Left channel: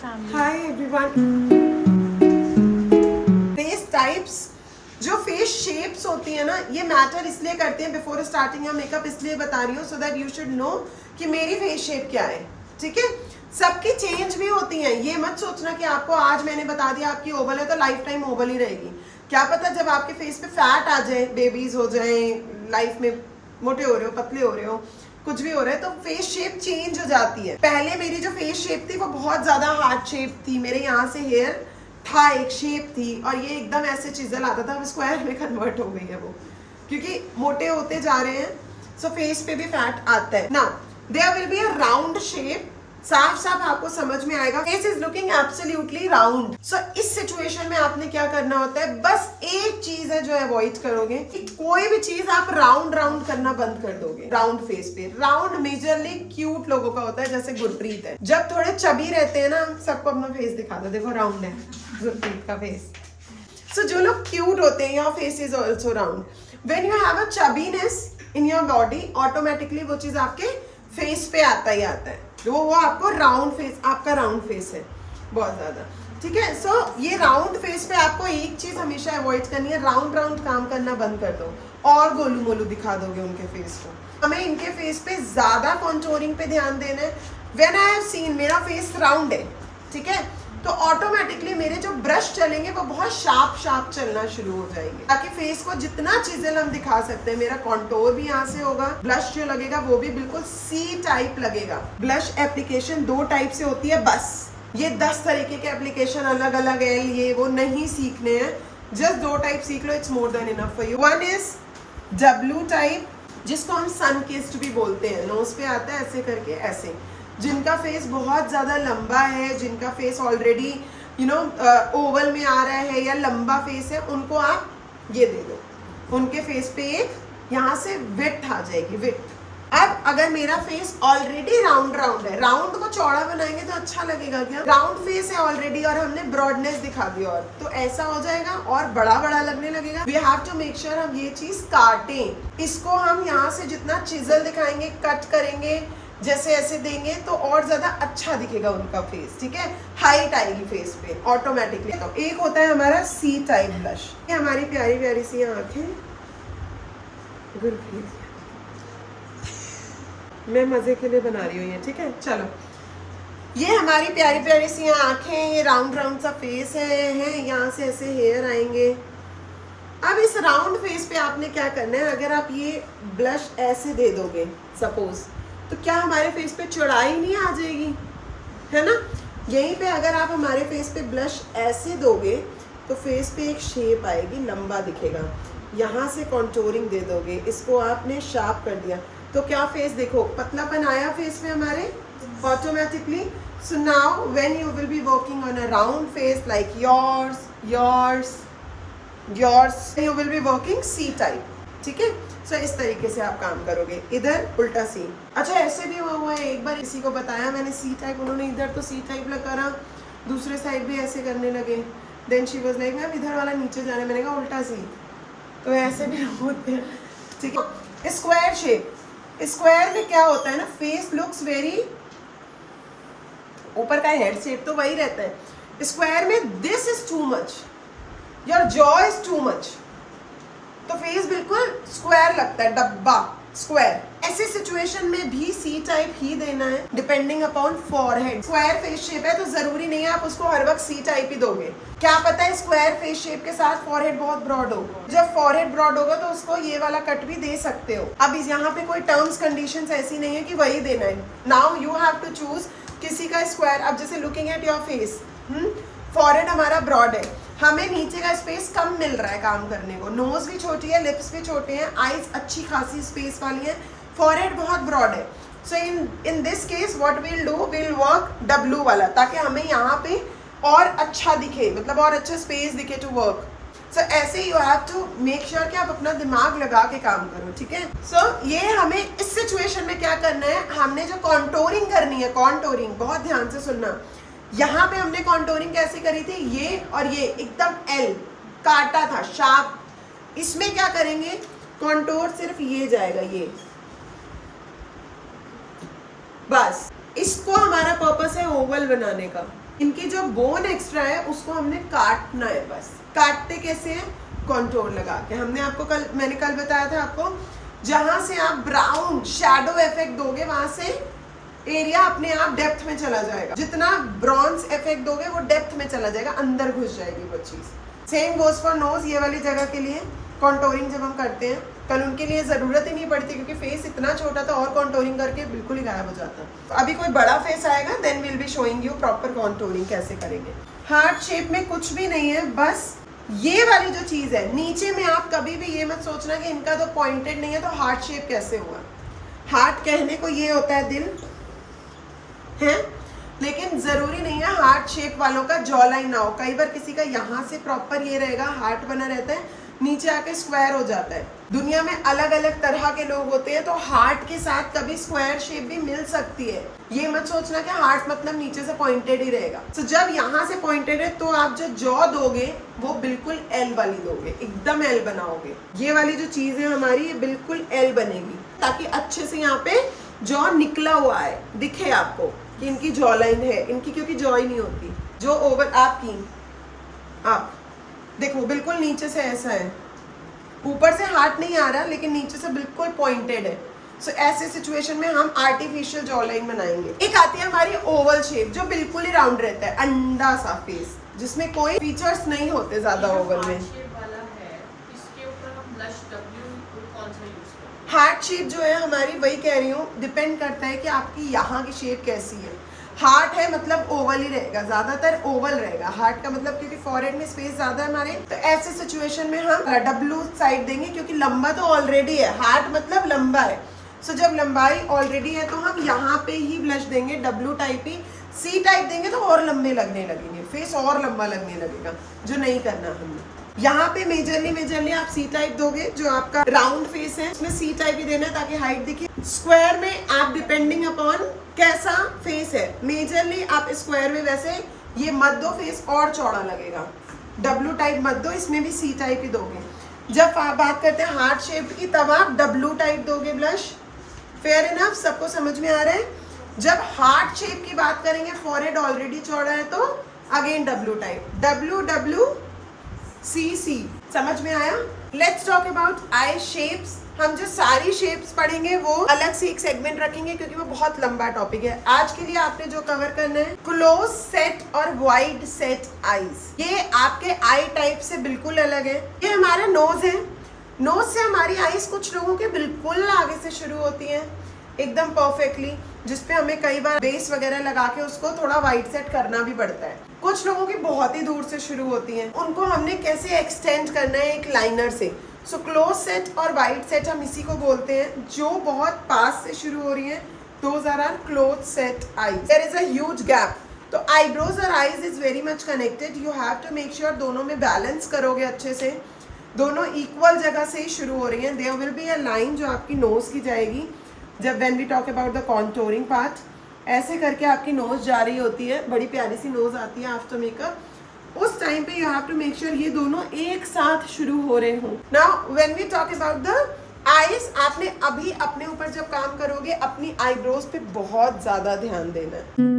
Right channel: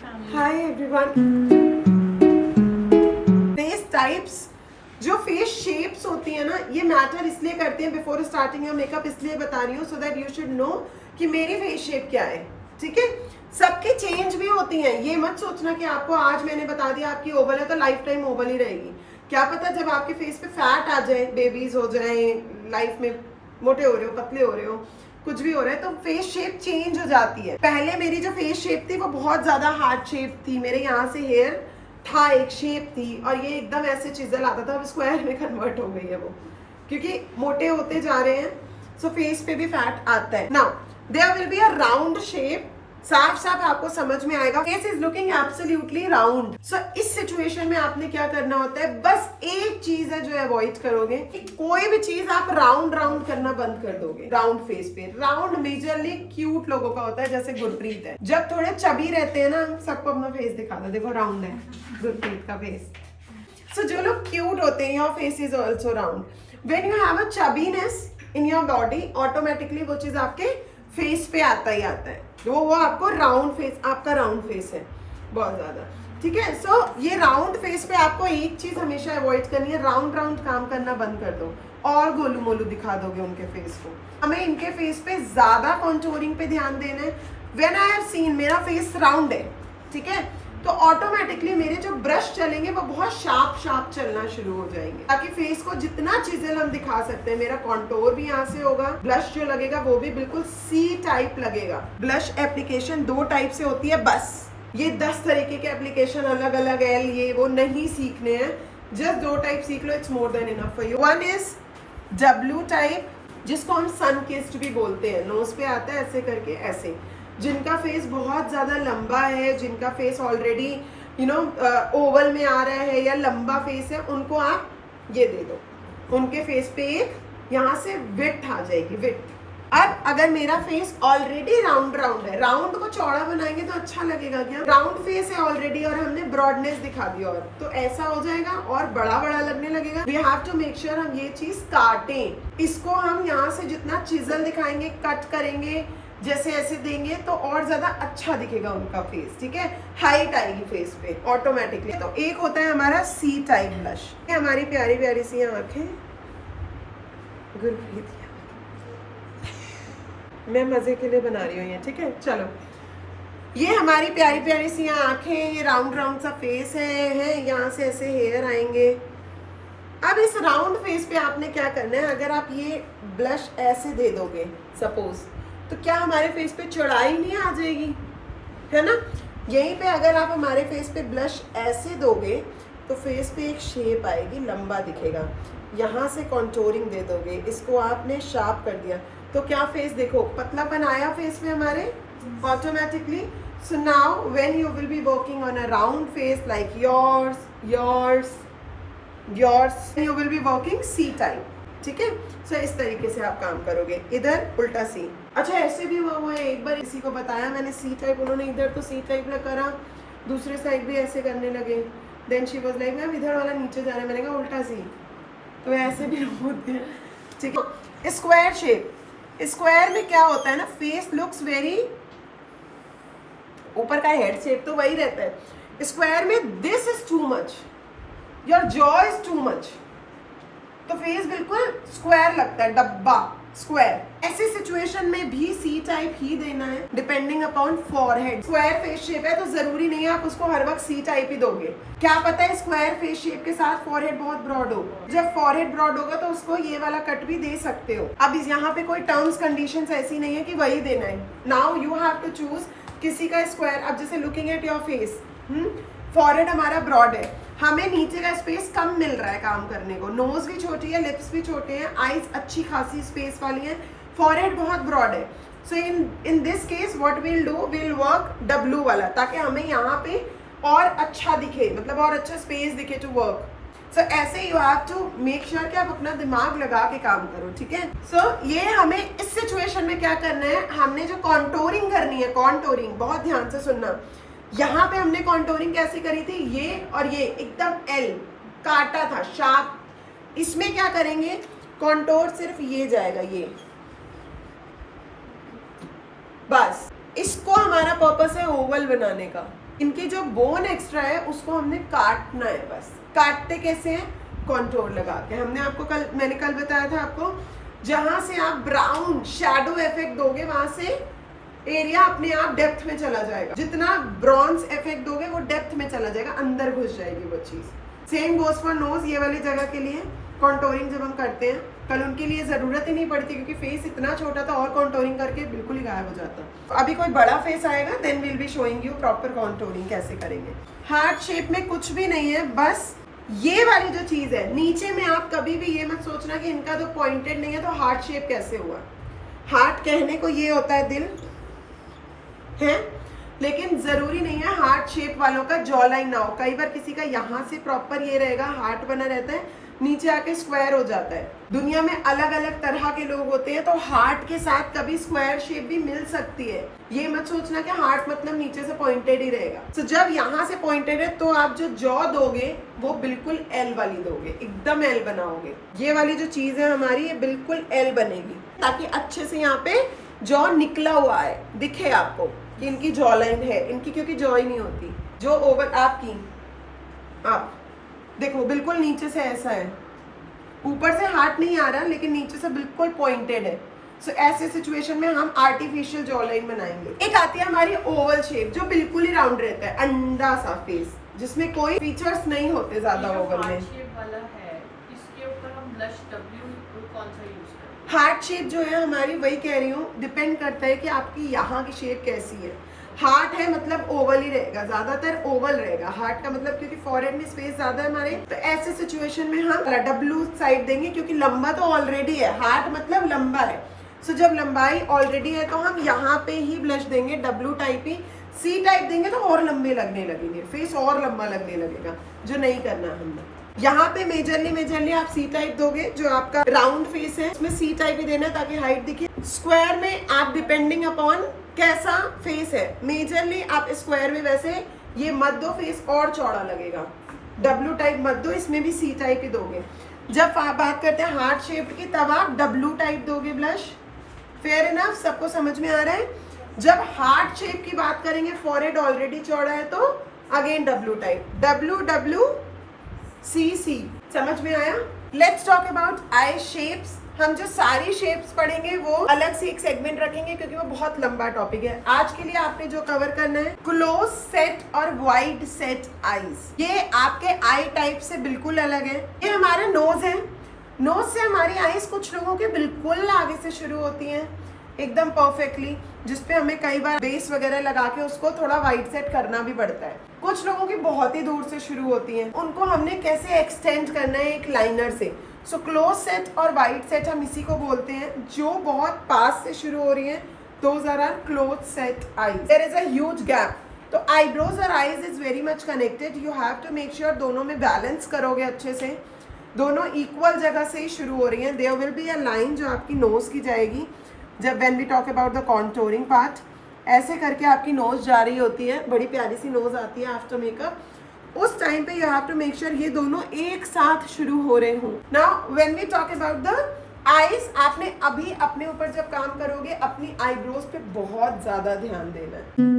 Hi everyone. Face types, जो face shapes होती है ना, ये मैटर इसलिए करते हैं बिफोर स्टार्टिंग योर मेकअप, इसलिए बता रही हूँ so that you should know कि मेरी फेस शेप क्या है। ठीक है, सबकी चेंज भी होती हैं। ये मत सोचना कि आपको आज मैंने बता दिया आपकी ओवल है तो लाइफ टाइम ओवल ही रहेगी। क्या पता जब आपके फेस पे फैट आ जाए, बेबीज हो जाए, लाइफ में मोटे हो रहे हो, पतले हो रहे हो, कुछ भी हो रहा है, तो फेस शेप चेंज हो जाती है। पहले मेरी जो फेस शेप थी वो बहुत ज्यादा हार्ड शेप थी। मेरे यहाँ से हेयर था, एक शेप थी, और ये एकदम ऐसे चिजल आता था। अब स्क्वायर में कन्वर्ट हो गई है वो, क्योंकि मोटे होते जा रहे हैं, सो फेस पे भी फैट आता है। Now there will be a round shape, साफ साफ आपको समझ में आएगा। Face is looking absolutely round. So इस सिचुएशन में आपने क्या करना होता है, बस एक चीज है जो अवॉइड करोगे कि कोई भी चीज आप राउंड राउंड करना बंद कर दोगे। राउंड फेस पे, राउंड मेजरली क्यूट लोगों का होता है, जैसे गुरप्रीत है। जब थोड़े चबी रहते हैं ना, सबको अपना फेस दिखा दो, देखो राउंड है गुरप्रीत का फेस। सो जो लोग क्यूट होते हैं, your face is also round. When you have a chubbiness in your body, automatically वो चीज आपके फेस पे आता ही आता है। वो आपको राउंड फेस, आपका राउंड फेस है बहुत ज्यादा। ठीक है, सो ये राउंड फेस पे आपको एक चीज हमेशा अवॉइड करनी है, राउंड राउंड काम करना बंद कर दो और गोलू मोलू दिखा दोगे उनके फेस को। हमें इनके फेस पे ज्यादा कॉन्टोरिंग पे ध्यान देना है। व्हेन आई हैव सीन मेरा फेस राउंड है, ठीक है, तो ऑटोमेटिकली मेरे जो ब्रश चलेंगे वो बहुत शार्प शार्प चलना शुरू हो जाएंगे, ताकि फेस को जितना चिजल हम दिखा सकते हैं। मेरा कॉन्टोर भी यहाँ से होगा, ब्लश जो लगेगा वो भी बिल्कुल सी टाइप लगेगा। ब्लश एप्लीकेशन 2 टाइप से होती है बस, ये 10 तरीके के एप्लीकेशन अलग अलग है, ये वो नहीं सीखने हैं। जस्ट 2 टाइप सीख लो, it's more than enough for you. One is W type, जिसको हम सन किस्ड भी बोलते हैं। नोज पे आता है ऐसे करके, ऐसे। जिनका फेस बहुत ज्यादा लंबा है, जिनका फेस ऑलरेडी ओवल में आ रहा है या लंबा फेस है, उनको आप ये दे दो। उनके फेस पे एक यहाँ से विड्थ आ जाएगी, विड्थ। अब अगर मेरा फेस ऑलरेडी राउंड राउंड है, राउंड को चौड़ा बनाएंगे तो अच्छा लगेगा क्या? राउंड फेस है ऑलरेडी और हमने ब्रॉडनेस दिखा दी, और तो ऐसा हो जाएगा और बड़ा बड़ा लगने लगेगा। We have to make sure हम ये चीज काटें। इसको हम यहाँ से जितना चिजल दिखाएंगे, कट करेंगे, जैसे ऐसे देंगे तो और ज्यादा अच्छा दिखेगा उनका फेस। ठीक है, हाइट आएगी फेस पे ऑटोमेटिकली। तो एक होता है हमारा सी टाइप ब्लश, हमारी प्यारी प्यारी सी आंखें, गुरप्रीत मैं मजे के लिए बना रही हूँ ये। ठीक है, चलो, ये हमारी प्यारी प्यारी सी आंखें, ये राउंड राउंड सा फेस है, यहाँ से ऐसे हेयर आएंगे। अब इस राउंड फेस पे आपने क्या करना है, अगर आप ये ब्लश ऐसे दे दोगे सपोज, तो क्या हमारे फेस पे चौड़ाई नहीं आ जाएगी, है ना? यहीं पे अगर आप हमारे फेस पे ब्लश ऐसे दोगे तो फेस पे एक शेप आएगी, लंबा दिखेगा। यहाँ से कॉन्टोरिंग दे दोगे, इसको आपने शार्प कर दिया तो क्या फेस देखो, पतलापन आया फेस में हमारे automatically. So now when you will be working on a round face like yours, you will be working C type. ठीक है, सो इस तरीके से आप काम करोगे। इधर उल्टा सी। अच्छा, ऐसे भी हुआ है, एक बार किसी को बताया मैंने सी टाइप, उन्होंने इधर तो सी टाइप करा, दूसरे साइड भी ऐसे करने लगे। Then she was like ma'am इधर वाला नीचे जाने, मैंने कहा उल्टा सी। तो ऐसे भी होते हैं। ठीक है, स्क्वायर शेप। स्क्वायर में क्या होता है ना, फेस लुक्स वेरी, ऊपर का हेड शेप तो वही रहता है। स्क्वायर में this is too much, your jaw is too much, तो फेस बिल्कुल स्क्वायर लगता है, डब्बा स्क्वायर। ऐसी सिचुएशन में भी सी टाइप ही देना है, depending upon forehead. Square face shape है तो जरूरी नहीं है आप उसको हर वक्त सी टाइप ही दोगे। क्या पता है स्क्वायर फेस शेप के साथ फॉरहेड बहुत ब्रॉड हो, जब फॉरहेड ब्रॉड होगा तो उसको ये वाला कट भी दे सकते हो। अब यहाँ पे कोई टर्म्स कंडीशंस ऐसी नहीं है कि वही देना है। Now you have to choose किसी का स्क्वायर। अब जैसे looking at your face, forehead हमारा ब्रॉड है, हमें नीचे का स्पेस कम मिल रहा है काम करने को। नोज भी छोटी है, लिप्स भी छोटे हैं, आईज अच्छी खासी स्पेस वाली है, फॉरहेड बहुत ब्रॉड है। So in this case what will do, will work W वाला, ताकि हमें यहाँ पे और अच्छा दिखे, मतलब और अच्छा स्पेस दिखे टू वर्क। सो ऐसे you have to make sure कि आप अपना दिमाग लगा के काम करो। ठीक है, सो ये हमें इस सिचुएशन में क्या करना है, हमने जो कॉन्टोरिंग करनी है, कॉन्टोरिंग बहुत ध्यान से सुनना। यहाँ पे हमने कॉन्टोरिंग कैसे करी थी, ये और ये एकदम एल काटा था, शार्प। इसमें क्या करेंगे, कॉन्टोर सिर्फ ये जाएगा, ये बस। इसको हमारा पर्पस है ओवल बनाने का। इनकी जो बोन एक्स्ट्रा है उसको हमने काटना है। बस काटते कैसे हैं? कॉन्टोर लगा के। मैंने कल बताया था आपको, जहां से आप ब्राउन शैडो इफेक्ट दोगे वहां से एरिया अपने आप डेप्थ में चला जाएगा। जितना ब्रॉन्ज इफेक्ट दोगे वो डेप्थ में चला जाएगा, अंदर घुस जाएगी वो चीज। सेम गोज फॉर नोज, ये वाली जगह के लिए कॉन्टोरिंग जब हम करते हैं, कल उनके लिए जरूरत ही नहीं पड़ती क्योंकि फेस इतना छोटा था और कॉन्टोरिंग करके बिल्कुल ही गायब हो जाता। अभी कोई बड़ा फेस आएगा then will be showing you proper contouring कैसे करेंगे। हार्ट शेप में कुछ भी नहीं है, बस ये वाली जो चीज है नीचे में, आप कभी भी ये मत सोचना कि इनका तो पॉइंटेड नहीं है तो हार्ट शेप कैसे हुआ। हार्ट कहने को ये होता है दिल है, लेकिन जरूरी नहीं है हार्ट शेप वालों का जॉ लाइन ना हो। कई बार किसी का यहाँ से प्रॉपर ये रहेगा, हार्ट बना रहता है, नीचे आके स्क्वायर हो जाता है। दुनिया में अलग अलग तरह के लोग होते हैं, तो हार्ट के साथ कभी स्क्वायर शेप भी मिल सकती है। ये मत सोचना कि हार्ट मतलब नीचे से पॉइंटेड ही रहेगा। तो जब यहाँ से पॉइंटेड है तो आप जो जॉ दोगे वो बिल्कुल एल वाली दोगे, एकदम एल बनाओगे। ये वाली जो चीज है हमारी, ये बिल्कुल एल बनेगी ताकि अच्छे से यहाँ पे जॉ निकला हुआ है, दिखे आपको कि इनकी जॉ लाइन है। इनकी क्योंकि जॉ ही नहीं होती, जो ओवर आपकी आप देखो बिल्कुल नीचे से ऐसा है, ऊपर से हार्ट नहीं आ रहा लेकिन नीचे से बिल्कुल पॉइंटेड है। सो ऐसे सिचुएशन में हम आर्टिफिशियल जॉ लाइन बनाएंगे। एक आती है हमारी ओवल शेप जो बिल्कुल ही राउंड रहता है, अंडा सा फेस जिसमें कोई फीचर्स नहीं होते ज्यादा ओवल में। हार्ट शेप जो है हमारी, वही कह रही हूँ, डिपेंड करता है कि आपकी यहाँ की शेप कैसी है। हार्ट है मतलब ओवल ही रहेगा, ज्यादातर ओवल रहेगा हार्ट का मतलब, क्योंकि फॉरहेड में स्पेस ज्यादा है हमारे। तो ऐसे सिचुएशन में हम डब्लू साइड देंगे क्योंकि लंबा तो ऑलरेडी है, हार्ट मतलब लंबा है। सो जब लंबाई ऑलरेडी है तो हम यहाँ पे ही ब्लश देंगे, डब्लू टाइप ही। सी टाइप देंगे तो और लंबे लगने लगेंगे, फेस और लंबा लगने लगेगा, जो नहीं करना हमने। यहाँ पे मेजरली आप सी टाइप दोगे, जो आपका राउंड फेस है उसमें सी टाइप ही देना है ताकि हाइट दिखे। स्क्वायर में आप डिपेंडिंग अपॉन कैसा फेस है, मेजरली आप स्क्वायर में वैसे ये मत दो, फेस और चौड़ा लगेगा। डब्लू टाइप मत दो, इसमें भी सी टाइप ही दोगे। जब आप बात करते हैं हार्ट शेप की तब आप डब्लू टाइप दोगे ब्लश। फेयर इनफ, सबको समझ में आ रहा है। जब हार्ट शेप की बात करेंगे, फॉरहेड ऑलरेडी चौड़ा है तो again W type, W W C C. समझ में आया? Let's talk about eye shapes. हम जो सारी शेप्स पढ़ेंगे वो अलग से एक सेगमेंट रखेंगे क्योंकि वो बहुत लंबा टॉपिक है। आज के लिए आपने जो कवर करना है, क्लोज सेट और वाइड सेट आईज। ये आपके आई टाइप से बिल्कुल अलग है। ये हमारा नोज है, नोज से हमारी आईज कुछ लोगों के बिल्कुल आगे से शुरू होती हैं एकदम परफेक्टली, जिसपे हमें कई बार बेस वगैरह लगा के उसको थोड़ा वाइड सेट करना भी पड़ता है। कुछ लोगों की बहुत ही दूर से शुरू होती हैं, उनको हमने कैसे एक्सटेंड करना है एक लाइनर से। सो क्लोज सेट और वाइड सेट हम इसी को बोलते हैं। जो बहुत पास से शुरू हो रही हैं, those are are close set eyes. There is a huge gap. तो आईब्रोज और eyes is very much connected. You have to make sure दोनों में बैलेंस करोगे अच्छे से, दोनों इक्वल जगह से ही शुरू हो रही हैं। There will be a line जो आपकी नोज की जाएगी। जब when we talk about the contouring part, ऐसे करके आपकी नोज जा रही होती है, बड़ी प्यारी सी नोज आती है आफ्टर मेकअप। उस टाइम पे you have to make sure ये दोनों एक साथ शुरू हो रहे हों। Now when we talk about the eyes, आपने अभी अपने ऊपर जब काम करोगे अपनी आईब्रोज पे बहुत ज्यादा ध्यान देना है।